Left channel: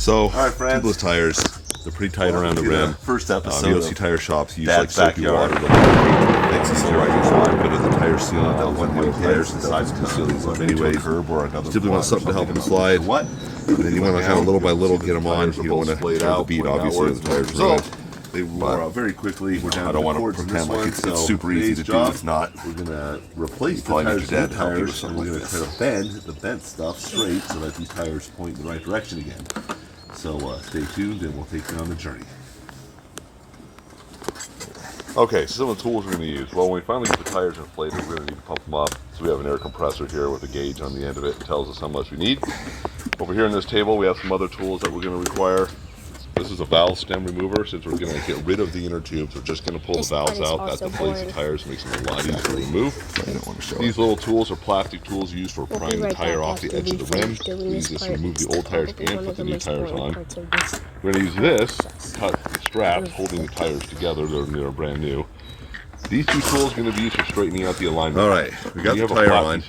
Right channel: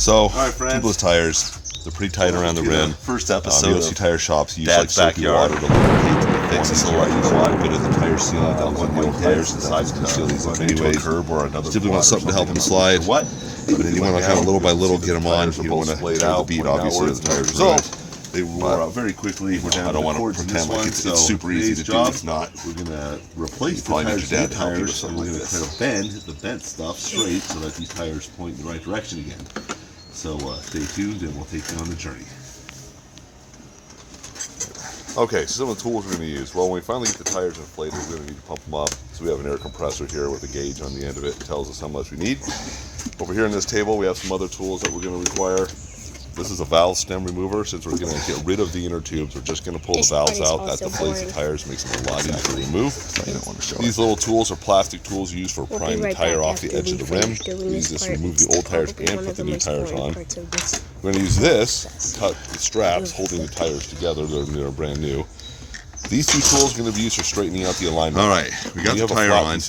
So, right, friends. tubeless tires, they're pretty tight around the rim. First episode You'll of see tire shops use Dad's like soapy backyard. water to fix this little right side, but the tire sealant that one wheel tires decides to seal these up anyways. curb or another Typically want something to help them slide. What? And then you want to kind of little by little get them on. You don't want to tear the bead, obviously, of the tires ruined. They wore out very quickly. We're down I don't want to towards this pretend like one, it's so super easy to today's do. job, It's not. We're gonna replace the probably need tires your dad with to help you with tires, something and we're like gonna kind of bend the bent stuff straight so that these tires point in the right direction again. So stay tuned, and we'll take you on the journey. Okay, so some of the tools we're going to use. Well, when we finally get the tires inflated, we're going to need to pump them up. So we have an air compressor here with a gauge on the end of it that tells us how much we need. Over here on this table, we have some other tools that we're going to require. This is a valve stem remover. Since we're going to get rid of the inner tubes, we're just going to pull the valves out. That deflates the tires, makes them a lot easier to remove. I don't want to show These little tools are plastic tools used for prying the tire off the edge of the rim. We use this to remove the old tires and put the new tires on. We're going to use this to cut the straps holding the tires together. They're brand new. These two tools are going to be used for straightening out the alignment. All right, we got the tire on.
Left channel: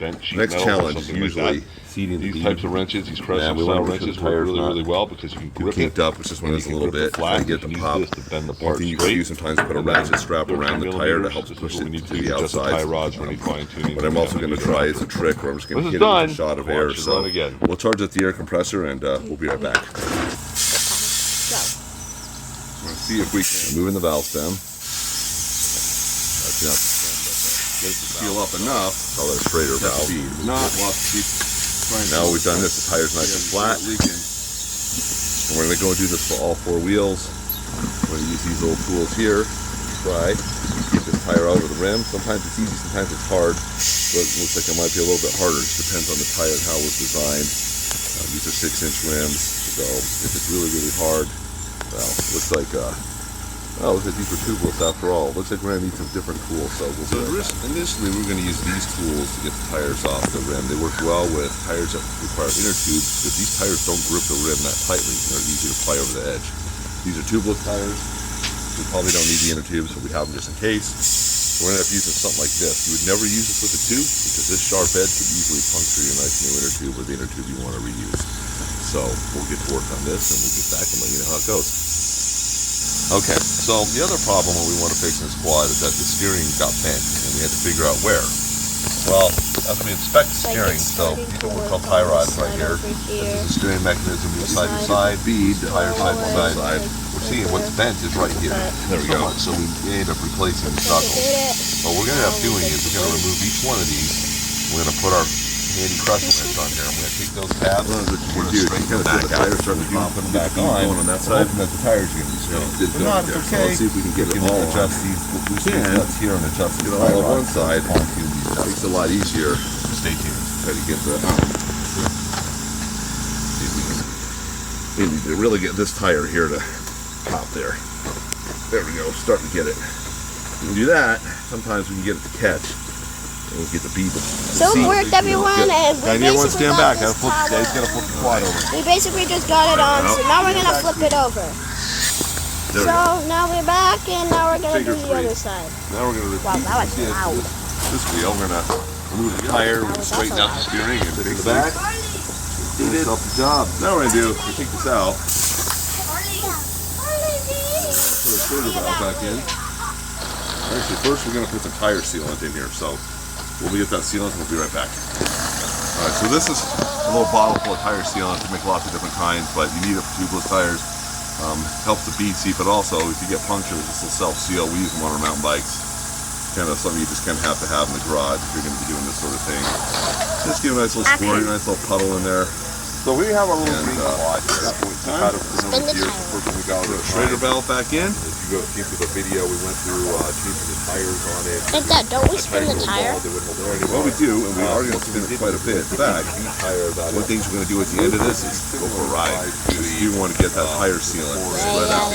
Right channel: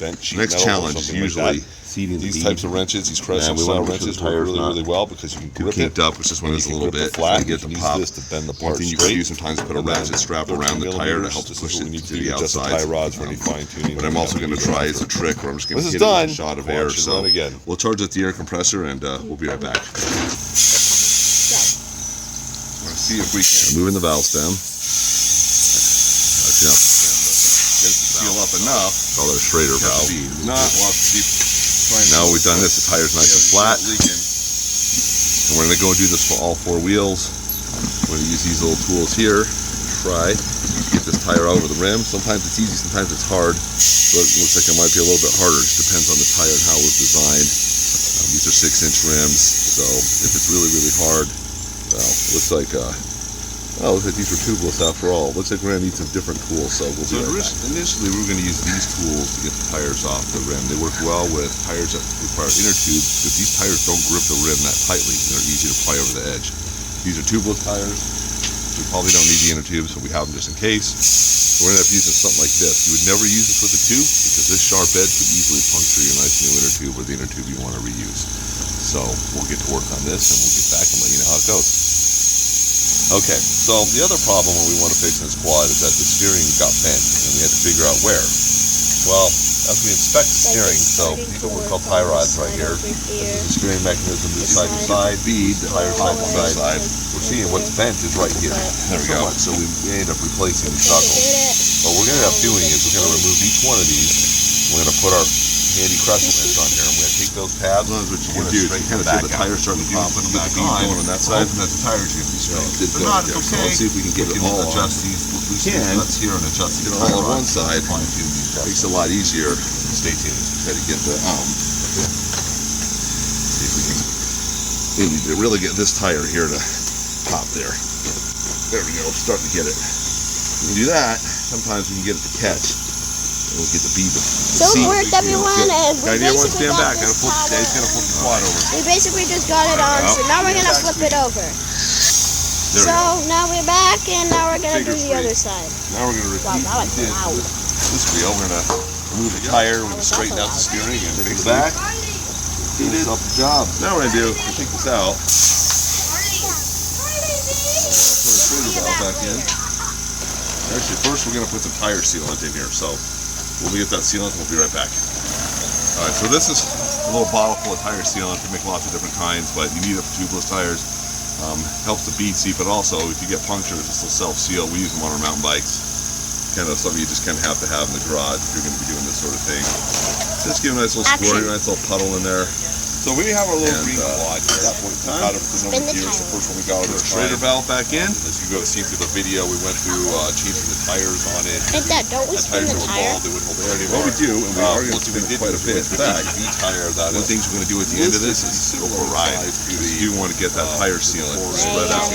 Next challenge, usually these types of wrenches, these crescent style wrenches work really well because you can grip it up, which just one is a little bit flat. get the pop. This to bend the part You straight. sometimes put a ratchet strap around the tire to help push it we need to to the adjust the tie outside. rods for any fine tuning. What I'm also going to try is a trick where I'm just going to This hit is it with done. a shot of Watch air. it So run again. we'll charge at the air compressor and we'll be right back. Let's see if we can Moving the valve stem. get it to seal up enough. Call it a Schrader valve. Now we've done this, the tire's nice and flat. And we're going to go and do this for all four wheels. We're going to use these little tools here to try to get this tire out of the rim. Sometimes it's easy, sometimes it's hard. But it looks like it might be a little bit harder. It just depends on the tire and how it was designed. These are 6-inch rims, so if it's really, really hard, well, it looks like these were tubeless after all. Looks like we're going to need some different tools, so we'll do it. Initially, we're going to use these tools to get the tires off the rim. They work well with tires that require inner tubes because these tires don't grip the rim that tightly. They're easy to pry over the edge. These are tubeless tires. We probably don't need the inner tubes, so we have them just in case. We're going to end up using something like this. You would never use this with a tube because this sharp edge could easily puncture your nice new inner tube or the inner tube you want to reuse. So we'll get to work on this and we'll get back and let you know how it goes. Okay, so the other problem when we want to fix in this quad is that the steering got bent and we had to figure out where. Well, as we inspect the steering, so these are what we call tie rods right here. This is the steering mechanism, moves side to side, bead, tire side to side. We're seeing what's bent is right here. There we go. So we end up replacing the knuckles. What we're going to end up doing is we're going to remove each one of these. We're going to put our handy crescent wrench on here. I'm going to take those tabs. We're going to straighten them back out. The tires starting to pop and back on that side. That the tires are going to be straight. If not, it's okay. So let's see if we can get it all on. We can. Let's here and adjust it all on one side. Makes it a lot easier. Stay tuned. Try to get the and really get this tire here to pop there. There we go. Starting to get it. When we do that, sometimes we can get it to catch. And we get the bead. So it worked, everyone, and we basically got this tower. He's gonna flip the quad over. We basically just got it on, so now we're gonna flip it over. So now we're back, and now we're gonna do the other side. Now we're gonna Wow, that was loud. this wheel. We're gonna remove the tire, we're gonna straighten out the steering and fix the back. Finish up the job. Now we're gonna do, we take this out. Put a trigger valve back in. Actually, first we're gonna put the tire sealant in here. So we'll get that sealant and we'll be right back. Alright, so this is a little bottle full of tire sealant. You make lots of different kinds, but you need it for tubeless tires. Helps the bead seat, but also if you get punctures, this will self-seal. We use them on our mountain bikes. Kind of something you just kind of have in the garage if you're going to be doing this sort of thing. Just give a nice little squirt, nice little puddle in there. So we have a little green quad here at that point in time. Spin the tire. First one we got Put a Schrader valve back in. As you go see through the video, we went through changing the tires on it. Hey, Dad, don't we spin the tire? They wouldn't hold air anymore. Well, we do, and we are going to spin it quite a bit. In fact, one thing we're going to do at the end of this is go for a ride. You want to get that tire sealant spread out.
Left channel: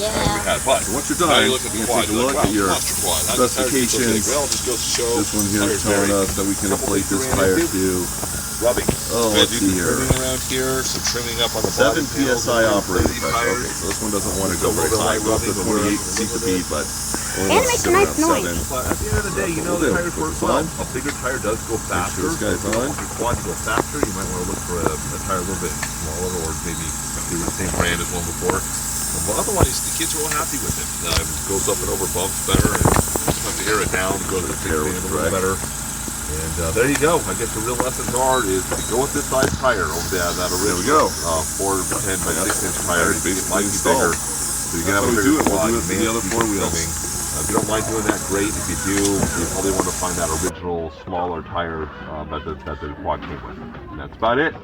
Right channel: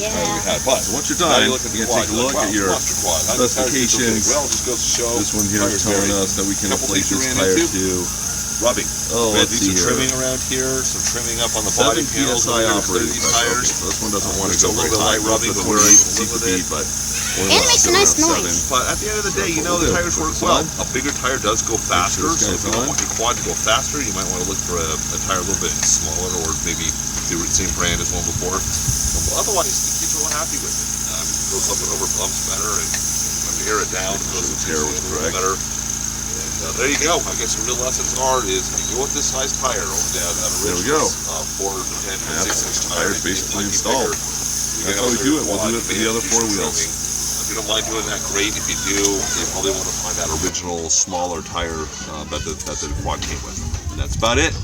Yeah. But once you're done, you're going to take a look at your specifications. This one here is telling us that we can inflate this tire to rubbing. Oh, We're let's gonna do see some here. trimming around here, some trimming up on the 7 body panels. psi We're gonna operating these pressure. tires. Okay, so this one doesn't want to Just a go little very bit high. light rubbing, Goes to but we're 28 live with CPP, it. but And it makes a nice noise. But at the end of the day, That's you know what the we'll do. tires Put work this well. on. A bigger tire does go faster, this so if guy's you don't on. want your quad to go faster, you might want to look for a tire a little bit smaller, or maybe do the same brand as one before. But otherwise, the kids are real happy with it. Goes up and over bumps better, and sometimes you air it down, it goes into Air the with a little drag. better. And there you go. I guess the real lessons is if you go with this size tire over that There we original go. 4 to 10 by 6 inch tire, Tire's it basically might be installed. bigger. So you That's can how have a we bigger do it. We'll quad, do you it for may the have other to do 4 some wheels. trimming. If you don't mind doing that, great. If you do, you probably want to find that original smaller tire that the quad came with. And that's about it.